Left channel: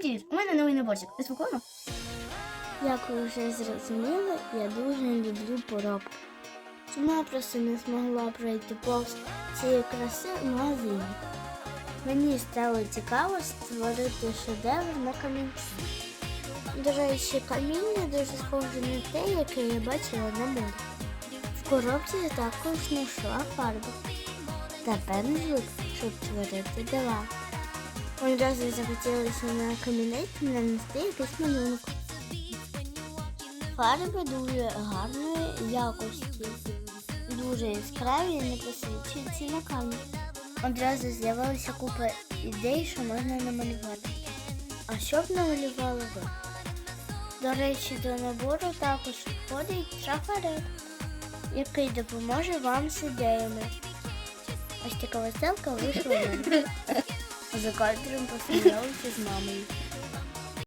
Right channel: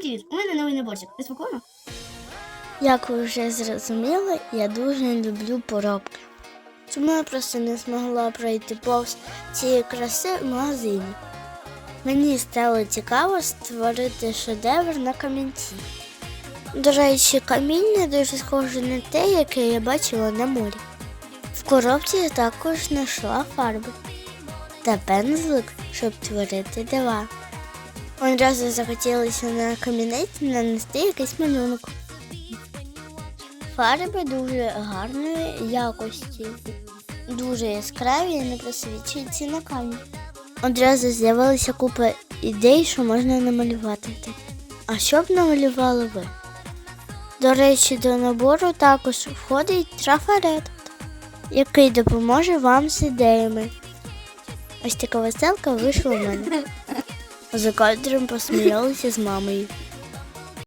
Привіт, у мене новий наборчик. Ти спокійно? Як ви вже зрозуміли, я дуже люблю поробки. Тому я просто не змогла пройти повз цієї краси в магазині. Мені стало цікаво створити шедевр на камінці. До речі, каміння дуже схоже на те, яке я бачила на морі. В коробці я також знайшла фарби та пензлик, щоб творити дива. Одразу захотілося на камінець нанести якийсь малюнок. Фарби дуже гарної якості, дуже яскраві і не просвічуються на камні. Одразу з'явилася купа ідей, що можна намалювати. А що б намалювали ви? До речі, до набору також входить трафарет, який допоможе вам з ідеями. Ось така веселка вийшла у мене. За кадром посміялися з мамою.